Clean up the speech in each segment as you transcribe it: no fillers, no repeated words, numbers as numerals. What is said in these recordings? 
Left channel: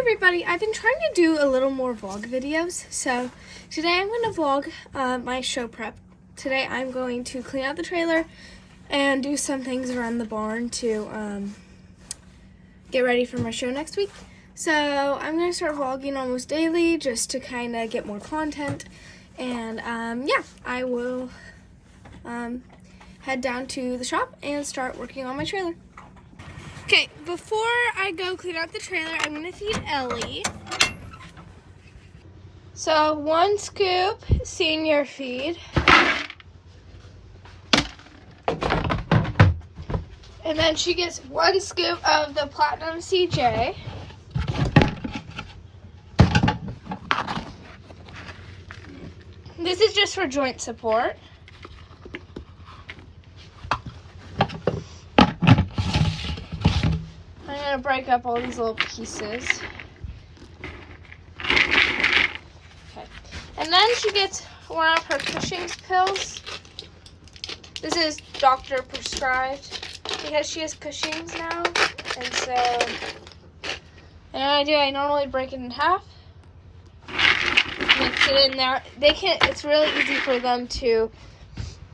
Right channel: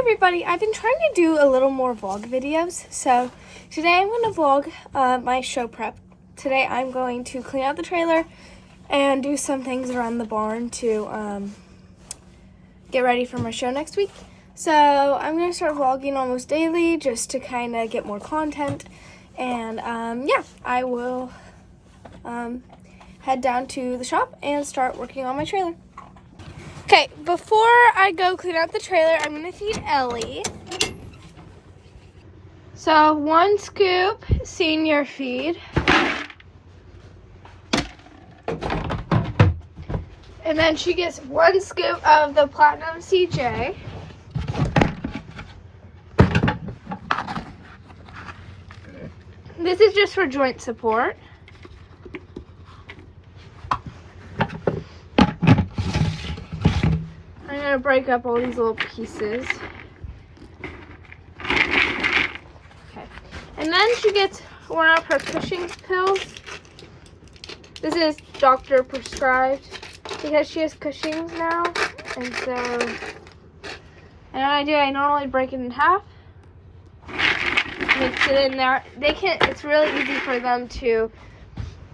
everybody, I've been trying to do a little more vlog videos, so today I'm going to vlog my show prep. Today I'm going to clean out the trailer and do some things around the barn to get ready for my show next week. So I'm going to start vlogging almost daily just to kind of get more content, and yeah, I will head down to the shop and start working on my trailer. Okay, before I go clean out the trailer, I'm gonna feed Ellie. So 1 scoop senior feed. And then she gets 1 scoop of the Platinum CJ. This is just for joint support. I'm gonna break up all these little pieces. Okay. And then she gets one of her Cushing's pills. This is doctor prescribed because she has Cushing's now. And so, I normally break it in half. Mix it in there. It's really easy for them to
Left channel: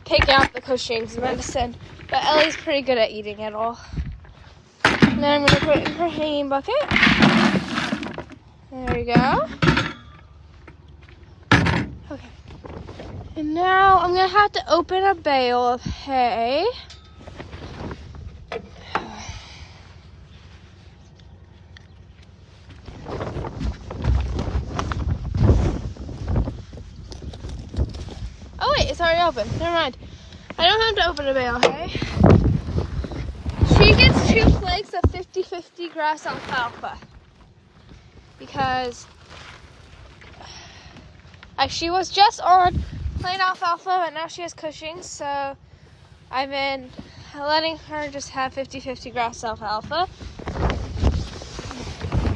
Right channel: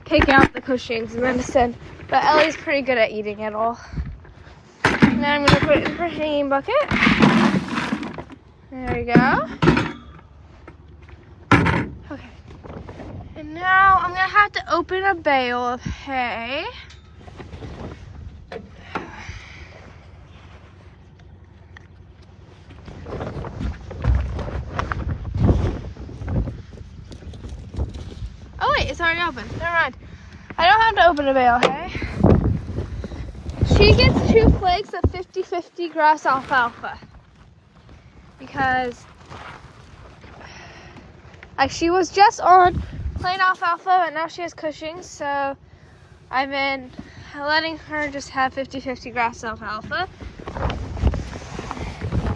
take out the Cushing's medicine. But Ellie's pretty good at eating it all. And then I'm going to put it in her hanging bucket. There we go. Okay. And now I'm going to have to open a bale of hay. Oh wait, it's already open. Never mind. I don't have to open a bale of hay. She gets 2 flakes of 50/50 grass alfalfa because she was just on plain alfalfa, but now she has Cushing's, so I've been letting her just have 50/50 grass alfalfa.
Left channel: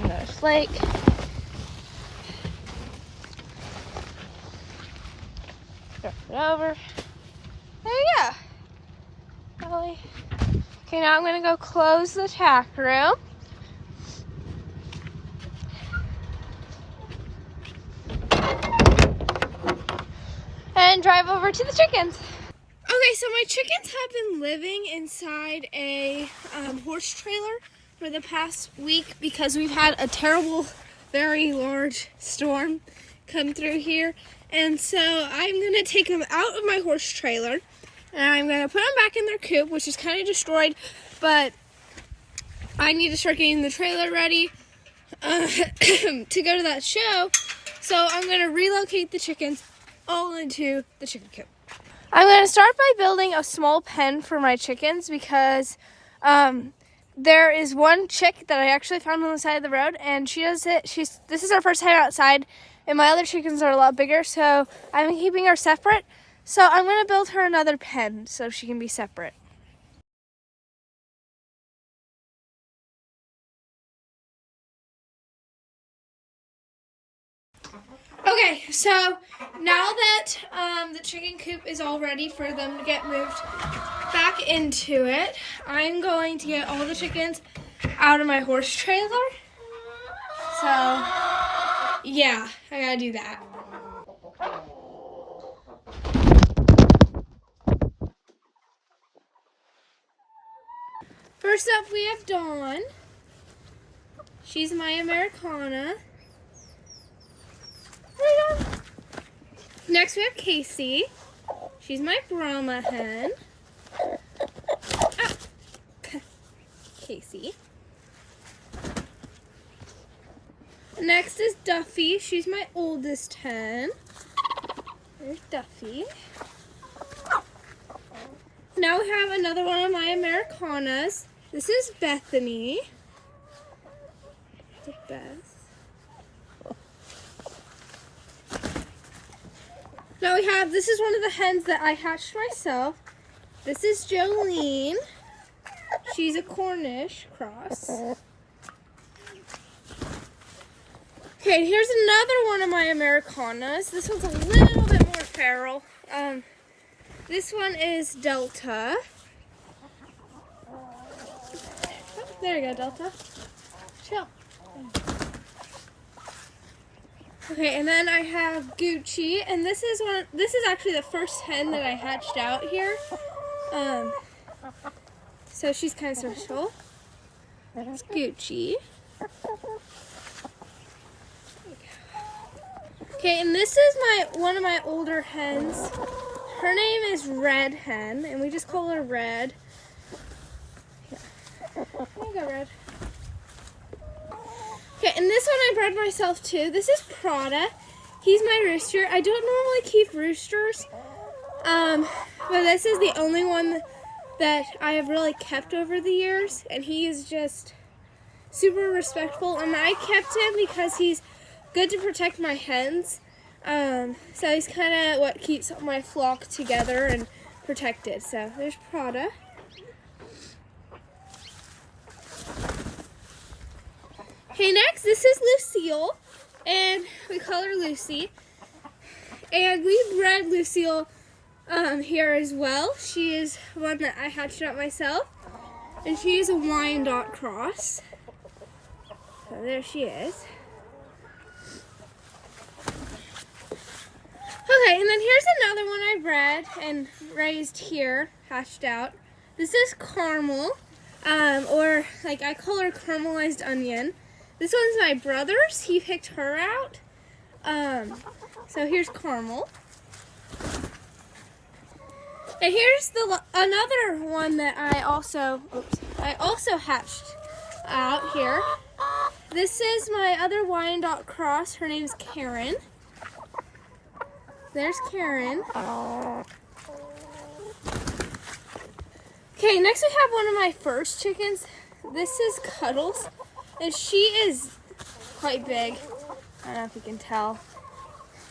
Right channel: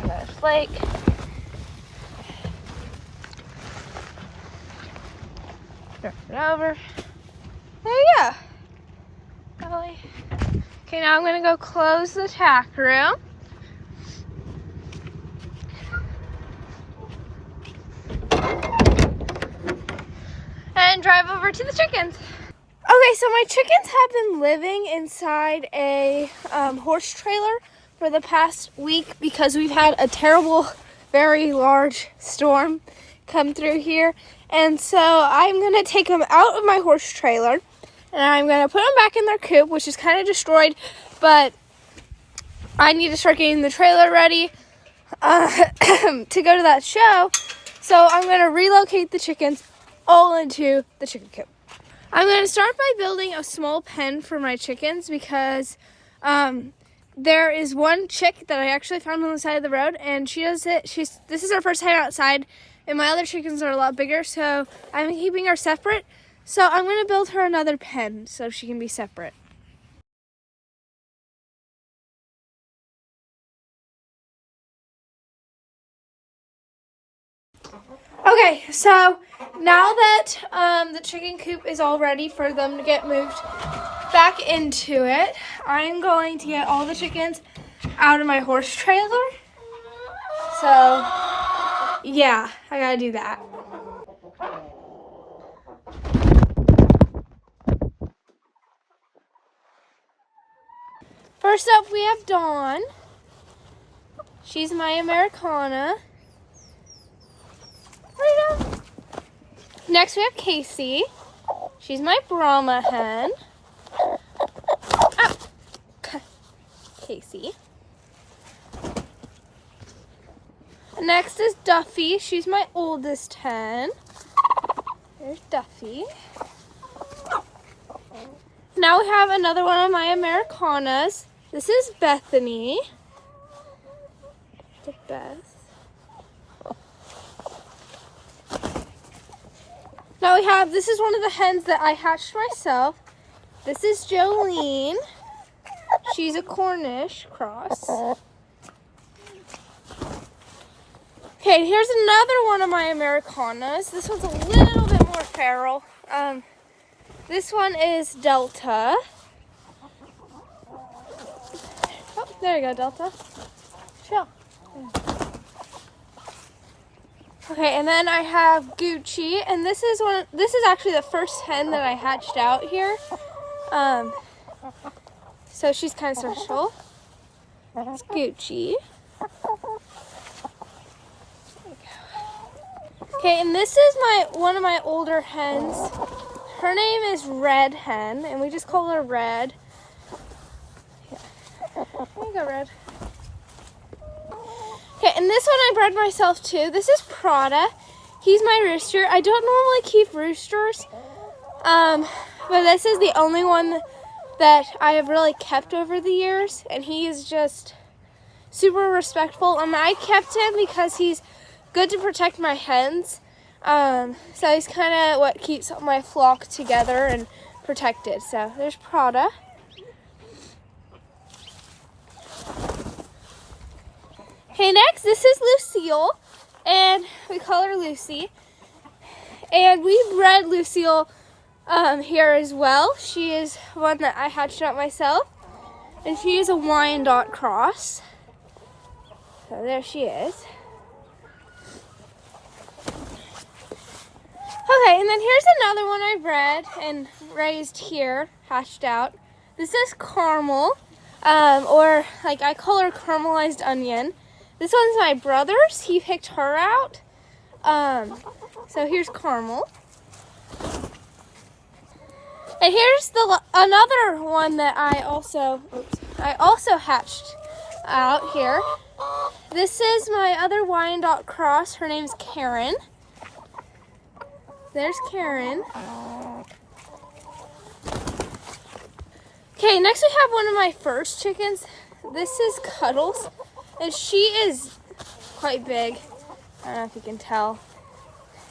Another flake. Flip it over. There you go. Ellie. Okay, now I'm gonna go close the tack room. And drive over to the chickens. Okay, so my chickens have been living inside a horse trailer for the past week because we've had a terrible, very large storm come through here. And so I'm gonna take them out of my horse trailer and I'm going to put them back in their coop, which is kind of destroyed, but I need to start getting the trailer ready to go to that show. So I'm going to relocate the chickens all into the chicken coop. I'm going to start by building a small pen for my chickens because there is one chick that I actually found on the side of the road, and she does it. This is her first time outside, and my other chickens are a lot bigger, so I'm keeping her separate. So I'm going to build her another pen so she can be separate. Okay, so now that the chicken coop is all ready for them to get moved back into it, I'm going to get all the chickens out of my horse trailer. So, yeah, I gotta do that. First up, we have Dawn. She's my Americana. Next, we have Casey. She's my Brahma hen. Oh. Casey. Next is Duffy. She's my oldest hen. There's Duffy. Now we have another one of my Americanas. This is Bethany. The Beth. Now we have, this is one of the hens that I hatched myself. This is Jolene. She's a Cornish cross. Okay, here's another one of my Americanas. This one's a little bit more feral. This one is Delta. Oh, there you go, Delta. Chill. Okay, and then I have Gucci, and this is actually the first hen that I hatched out here. So she's kind of special. It's Gucci. Okay, and this is one of my older hens. Her name is Red Hen, and we just call her Red. Yeah. There you go, Red. Okay, and this one I bred myself too. This is Prada. He's my rooster. I don't normally keep roosters, but this is the only one that I have really kept over the years, and he is just super respectful. And I kept him because he's good to protect my hens. So he's kind of what keeps my flock together and protected. So there's Prada. Okay, next, this is Lucille, and we call her Lucy. And we bred Lucille here as well. She is one that I hatched out myself, and she is a Wyandotte cross. So there she is. Okay, and then here's another one I bred and raised here, hatched out. This is Caramel, or like I call her Caramelized Onion. This one's my brother's. He picked her out. So here's Caramel. And here's another one that I also hatched out here. This is my other Wyandotte cross. Her name's Karen. There's Karen. Okay, next we have one of my first chickens. This is Cuddles, and she is quite big. I don't know if you can tell.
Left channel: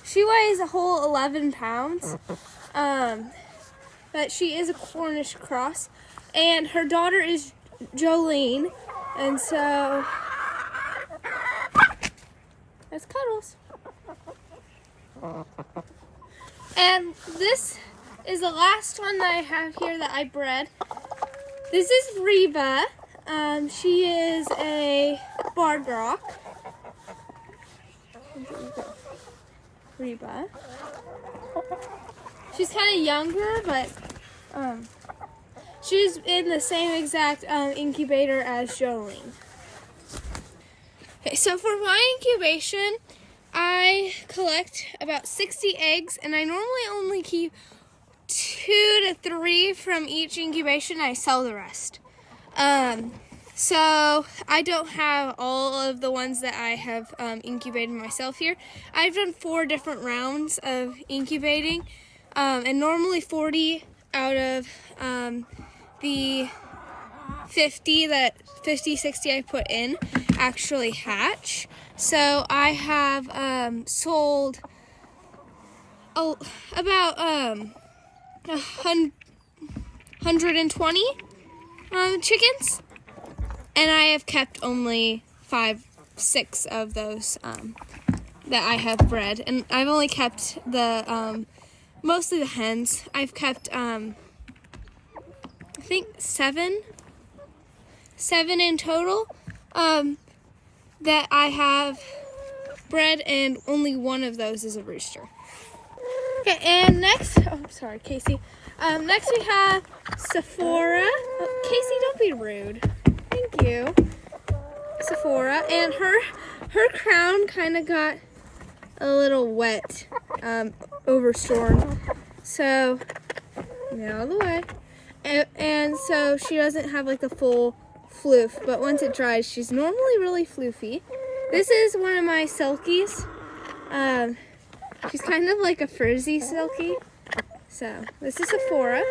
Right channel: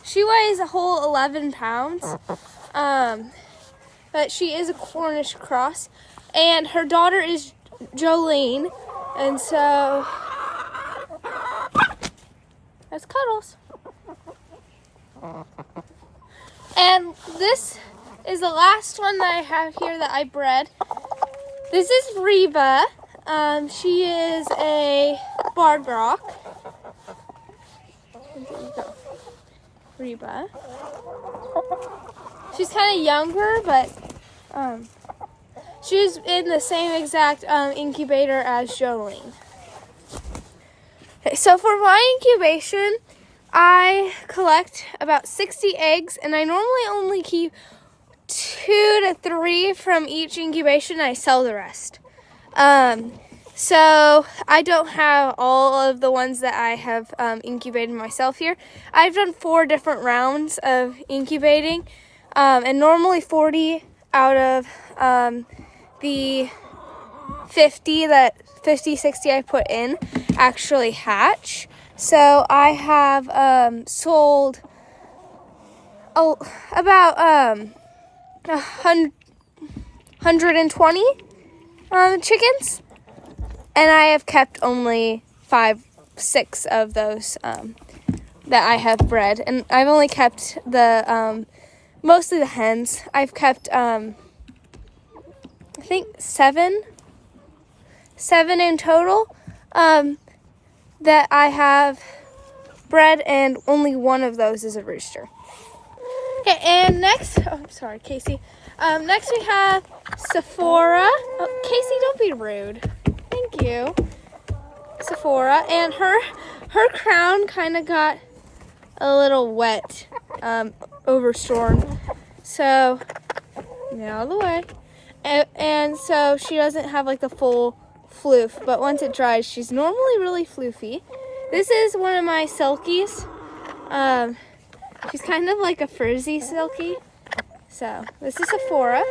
She weighs a whole 11 pounds, but she is a Cornish cross, and her daughter is Jolene, and so that's Cuddles. And this is the last one that I have here that I bred. This is Reba. She is a Bardrock. There you go. Reba. She's kind of younger, but she's in the same exact incubator as Jolene. Okay, so for my incubation, I collect about 60 eggs, and I normally only keep 2 to 3 from each incubation. I sell the rest. So I don't have all of the ones that I have incubated myself here. I've done 4 different rounds of incubating, and normally 40 out of the 50, 60 I put in actually hatch. So I have sold about 120 chickens, and I have kept only 5-6 of those that I have bred, and I've only kept the mostly the hens. I've kept I think 7 in total that I have bred, and only one of those is a rooster. Okay, and next, sorry, Casey. Next we have Sephora. Oh, Casey, don't be rude. Thank you. Sephora, and her crown kind of got a little wet over storm, so out of the way. And so she doesn't have like the full floof, but once it dries, she's normally really floofy. This is one of my silkies. She's kind of like a frizzy silky. So this is Sephora.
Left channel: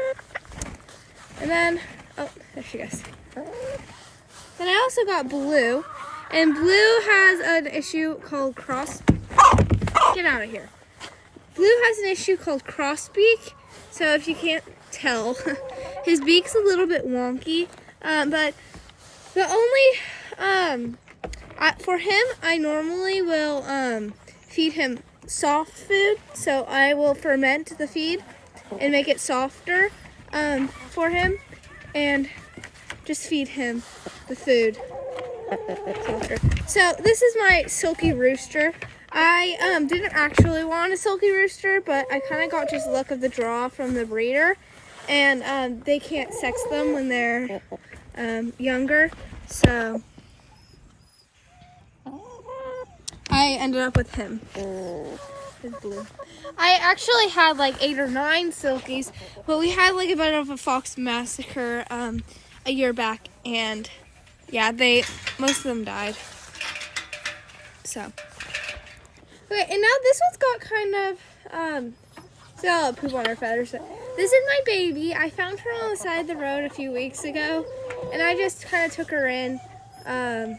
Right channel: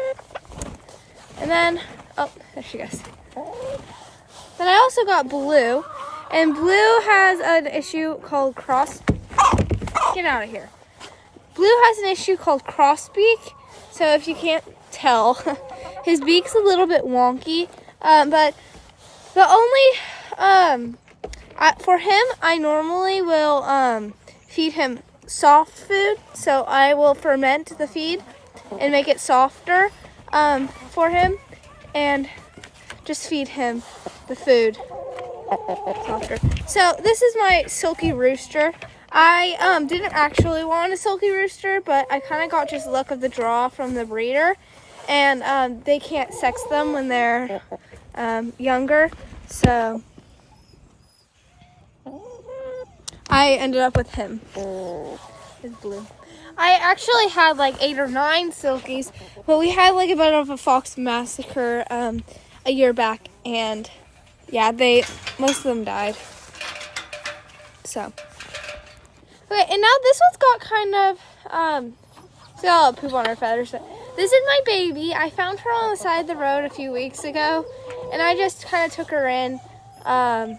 And then, oh, there she goes. Then I also got Blue, and Blue has an issue called get out of here. Blue has an issue called crossbeak. So if you can't tell, his beak's a little bit wonky, but the only, for him, I normally will feed him soft food. So I will ferment the feed and make it softer for him, and just feed him the food softer. So this is my silky rooster. I didn't actually want a silky rooster, but I kind of got just luck of the draw from the breeder, and they can't sex them when they're younger, so I ended up with him. He's blue. I actually had like 8 or 9 silkies, but we had like a bit of a fox massacre a year back, and yeah, most of them died. So, okay, and now this one's got kind of it's got a lot of poop on her feathers. This is my baby. I found her on the side of the road a few weeks ago, and I just kind of took her in. Her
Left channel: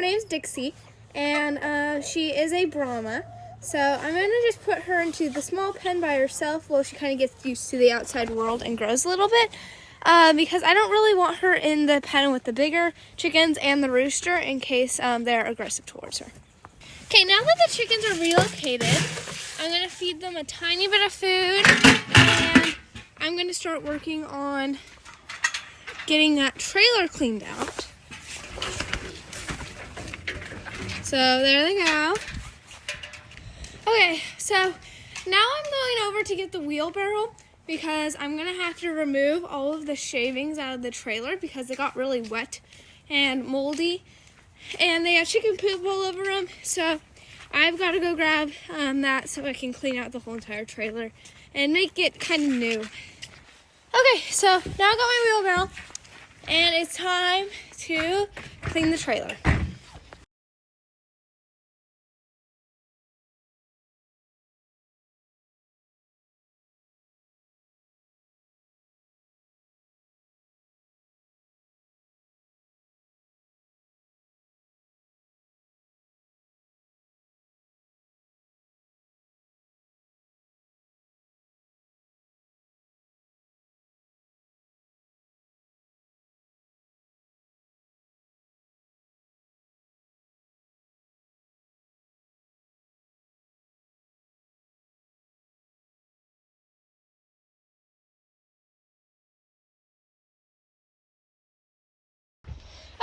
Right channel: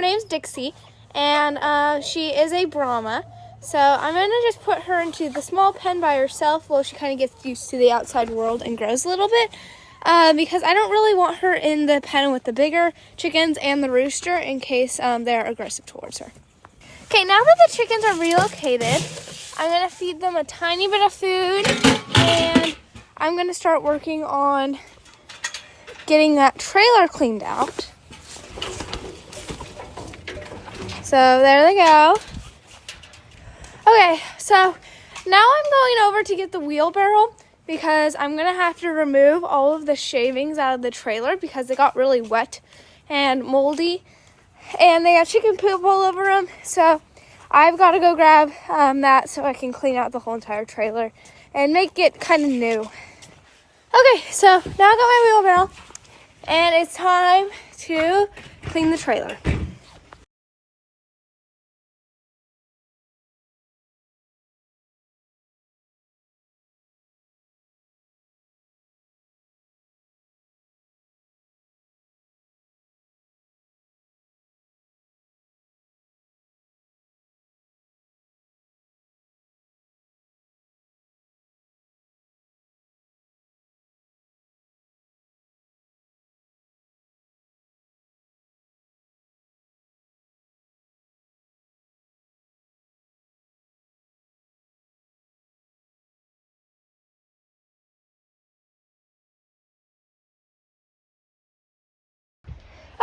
name's Dixie, and she is a Brahma. So I'm gonna just put her into the small pen by herself while she kind of gets used to the outside world and grows a little bit. Because I don't really want her in the pen with the bigger chickens and the rooster in case they're aggressive towards her. Okay, now that the chickens are relocated, I'm gonna feed them a tiny bit of food, and I'm gonna start working on getting that trailer cleaned out. So there they go. Okay, so now I'm going over to get the wheelbarrow because I'm gonna have to remove all of the shavings out of the trailer because they got really wet and moldy, and they have chicken poop all over them. So I've got to go grab that so I can clean out the whole entire trailer and make it kind of new. Okay, so now I got my wheelbarrow, and it's time to clean the trailer.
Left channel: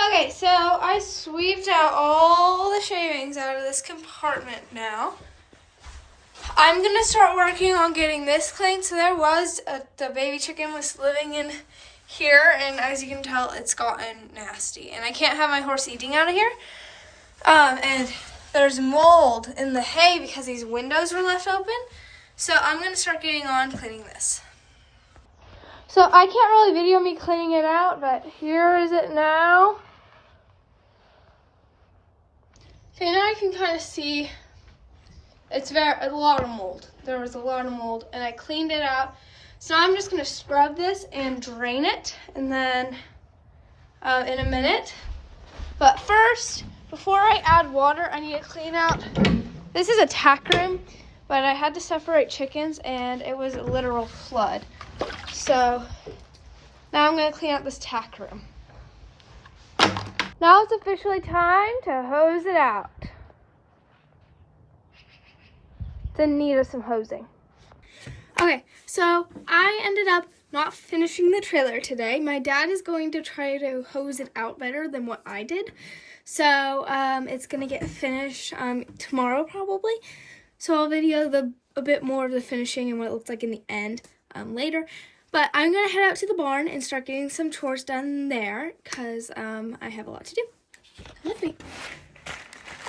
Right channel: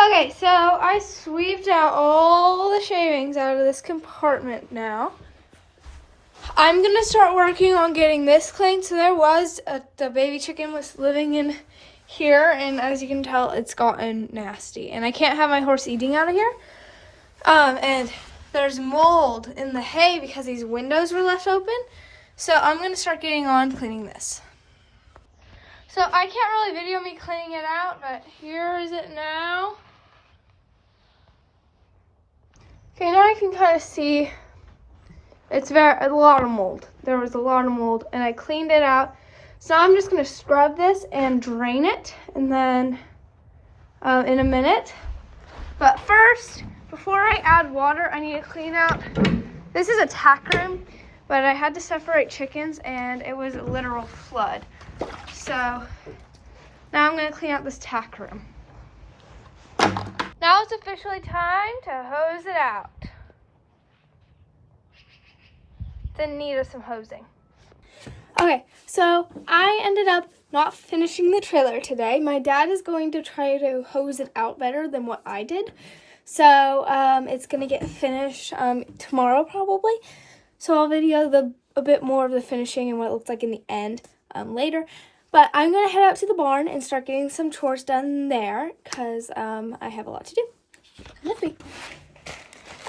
Okay, so I sweeped out all the shavings out of this compartment now. I'm gonna start working on getting this clean. So there was the baby chicken was living in here, and as you can tell, it's gotten nasty. And I can't have my horse eating out of here. And there's mold in the hay because these windows were left open. So I'm gonna start getting on cleaning this. So I can't really video me cleaning it out, but here is it now. Okay, now I can kind of see it's a lot of mold. There was a lot of mold, and I cleaned it out. So I'm just gonna scrub this and drain it, and then in a minute. But first, before I add water, I need to clean out. This is a tack room, but I had to separate chickens, and it was a literal flood. So now I'm gonna clean out this tack room. Now it's officially time to hose it out. It's in need of some hosing. Okay, so I ended up not finishing the trailer today. My dad is going to try to hose it out better than what I did. So it's gonna get finished tomorrow probably. So I'll video a bit more of the finishing and what it looks like in the end later. But I'm gonna head out to the barn and start getting some chores done there because I have a lot to do. With me.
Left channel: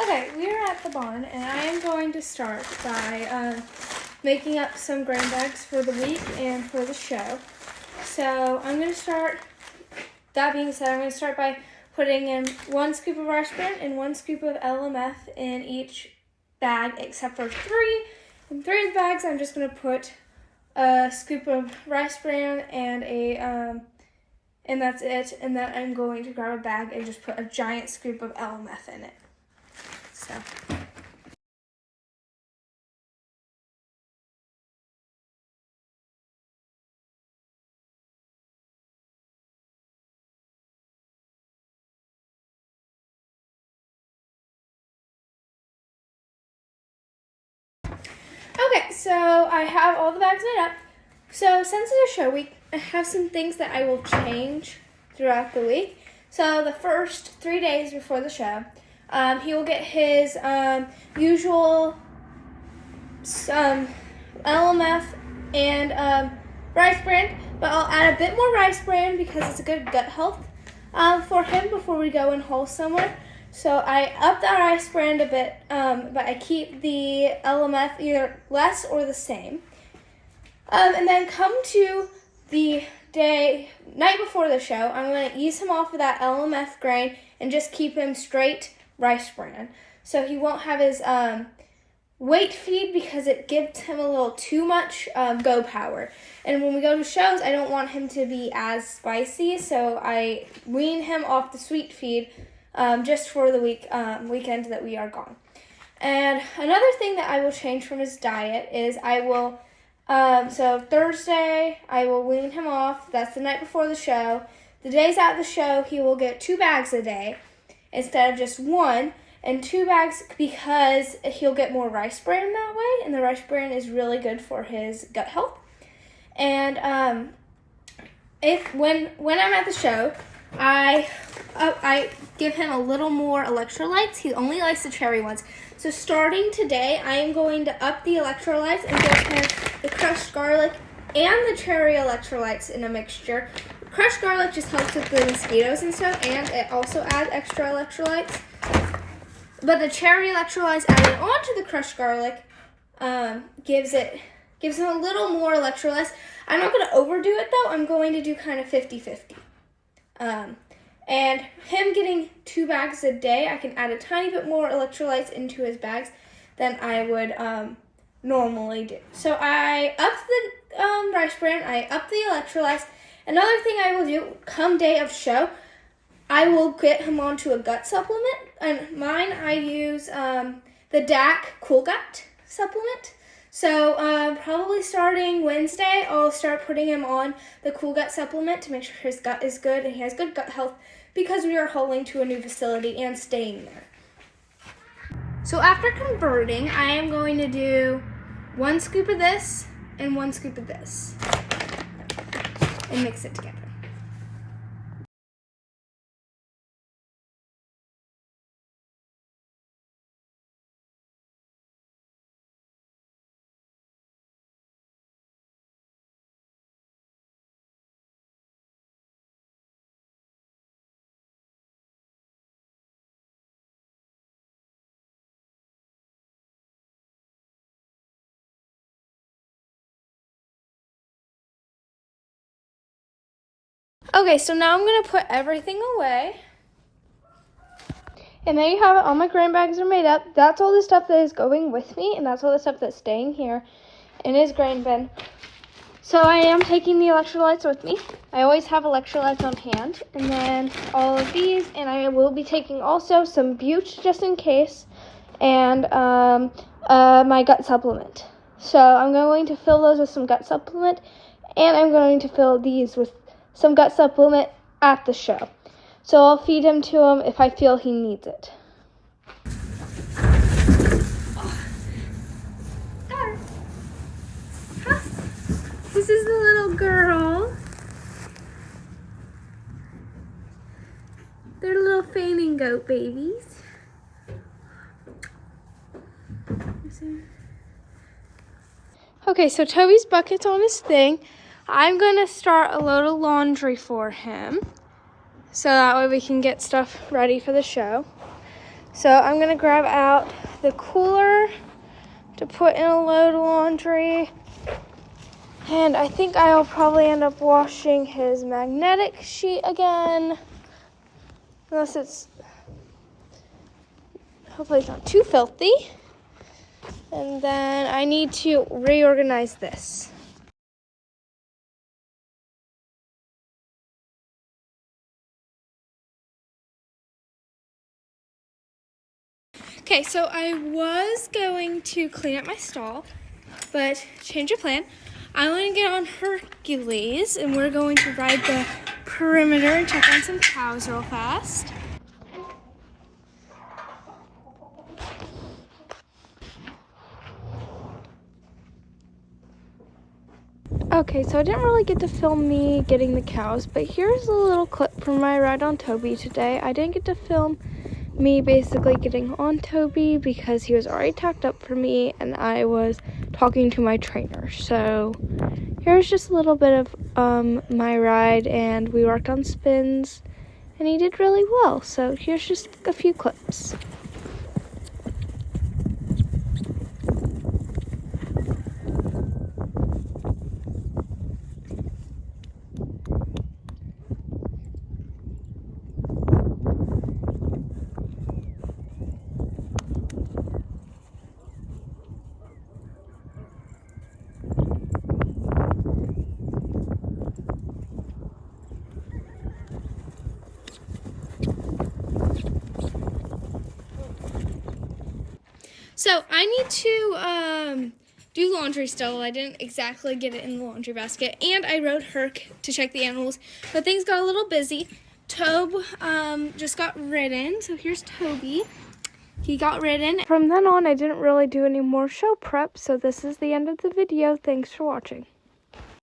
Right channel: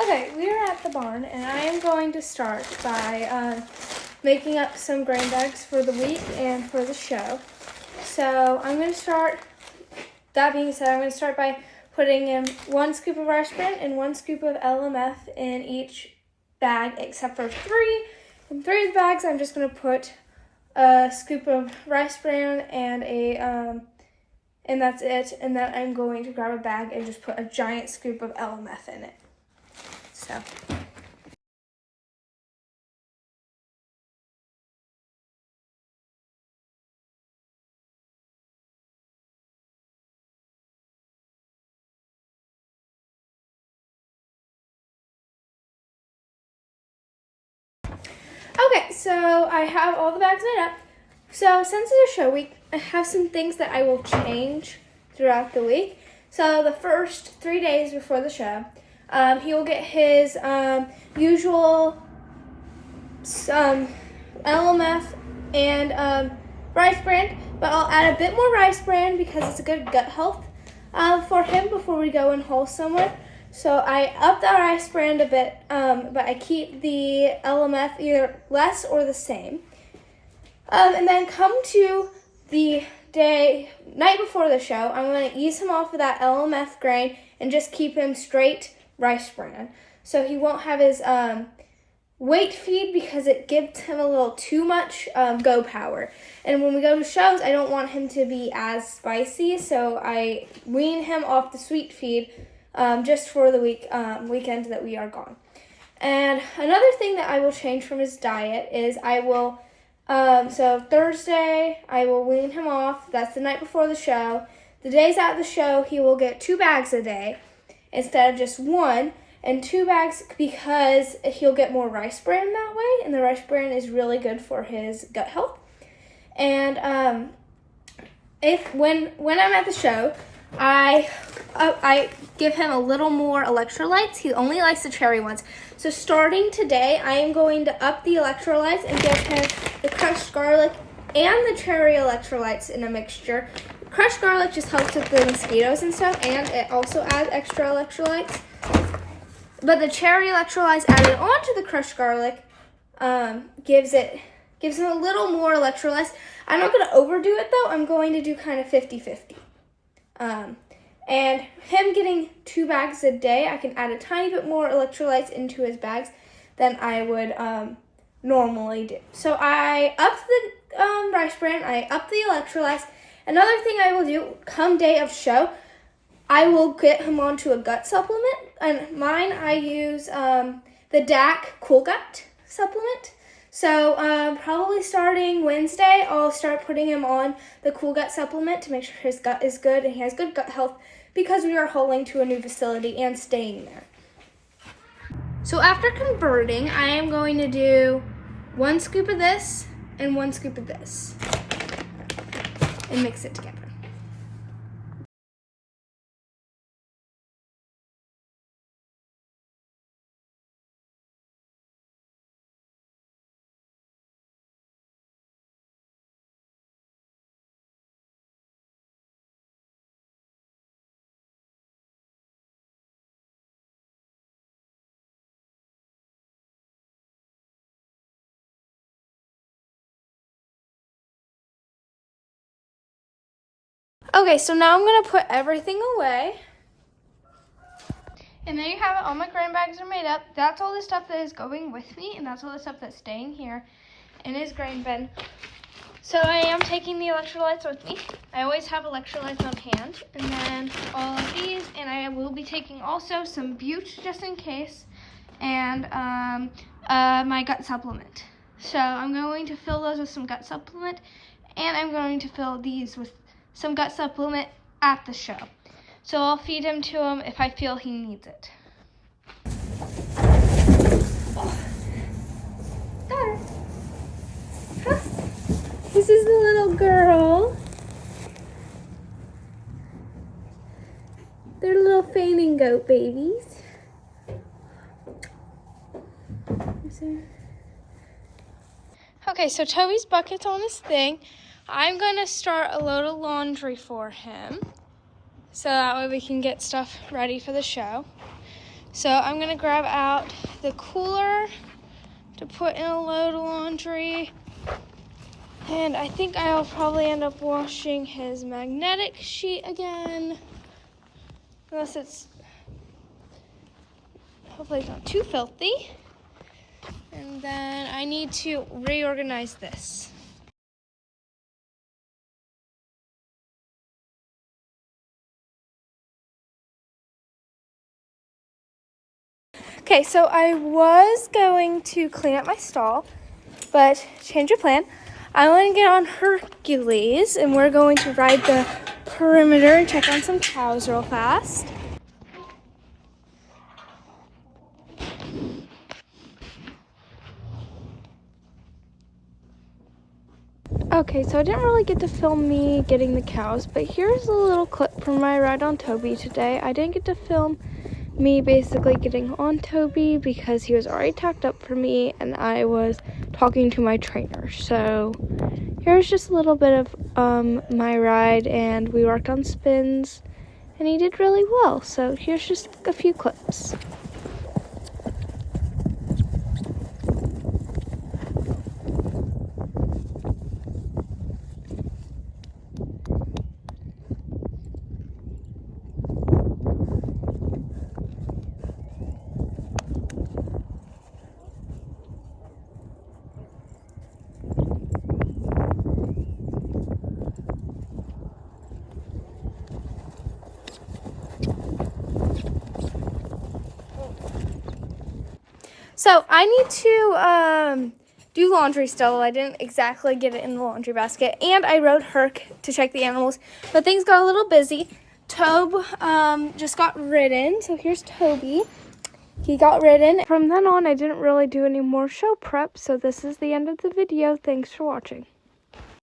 Okay, we're at the barn, and I am going to start by making up some grain bags for the week and for the show. So I'm going to start, that being said, I'm going to start by putting in 1 scoop of rice bran and 1 scoop of LMF in each bag, except for 3. In 3 of the bags, I'm just going to put a scoop of rice bran and that's it. And then I'm going to grab a bag and just put a giant scoop of LMF in it. So. Okay, so I have all the bags made up. So since it's a show week, I have some things that I will change throughout the week. So the first 3 days before the show, He will get his usual LMF and rice bran, but I'll add a bit more rice bran because it's a good gut health for him before we go and haul somewhere. So I up that rice bran a bit, but I keep the LMF either less or the same. And then come to the night before the show, I'm going to ease him off of that LMF grain and just keep him straight rice bran. So he won't have his weight feed because it gives him a little too much go power. And when we go to shows, I don't want him to be as spicy, so I wean him off the sweet feed just for the weekend that we are gone. And another thing that I will change from his diet is I will, so Thursday, I will wean him off. That's the night before the show. The days at the show, he will get 2 bags a day instead of just 1. And 2 bags because he'll get more rice bran that way. And the rice bran is really good for his gut health. And when I'm at the show, I give him a little more electrolytes. He only likes the cherry ones. So starting today, I am going to up the electrolytes and give him the crushed garlic and the cherry electrolytes in a mixture. Crushed garlic just helps with the mosquitoes and stuff, and it also adds extra electrolytes. But the cherry electrolytes added onto the crushed garlic gives him a little more electrolytes. I'm not going to overdo it though. I'm going to do kind of 50-50. And him getting 2 bags a day, I can add a tiny bit more electrolytes into his bags than I would normally do. So I upped the rice bran, I upped the electrolytes. Another thing I will do come day of show, I will get him onto a gut supplement. And mine, I use the DAC Cool Gut supplement. So probably starting Wednesday, I'll start putting him on the Cool Gut supplement to make sure his gut is good and he has good gut health because we are hauling to a new facility and staying there. So after converting, I am going to do 1 scoop of this and 1 scoop of this and mix it together. Okay, so now I'm going to put everything away. And there you have it. All my grain bags are made up. That's all the stuff that is going with me, and that's all the stuff that's staying here in his grain bin. So I am taking the electrolytes with me. I always have electrolytes on hand. And then all of these, and I will be taking also some Butte just in case, and my gut supplement. So I'm going to fill those with some gut supplement, and I'm going to fill these with some gut supplement at the show. So I'll feed him to him if I feel he needs it. Oh. Got her. Huh. This is the little girl. They're little fainting goat babies. Okay, so Toby's bucket's on his thing. I'm gonna start a load of laundry for him, so that way we can get stuff ready for the show. So I'm gonna grab out the cooler to put in a load of laundry. And I think I'll probably end up washing his magnetic sheet again, unless it's, hopefully it's not too filthy. And then I need to reorganize this. Okay, so I was going to clean up my stall, but change of plan. I want to get on Hercules, and we're going to ride the perimeter and check on some cows real fast. Okay, so I didn't really get to film me getting the cows, but here's a little clip from my ride on Toby today. I didn't get to film me basically getting on Toby because he was already tacked up for me and I was talking to my trainer. So here's just a little bit of my ride, and we worked on spins and he did really well. So here's just a few clips. So I need to do laundry still. I didn't exactly get it in the laundry basket. And I rode Herc to check the animals, but things got a little busy. Tobe just got ridden. So here's Toby. He got ridden. From then on, I didn't really do any more show prep. So this is the end of the video. Thanks for watching.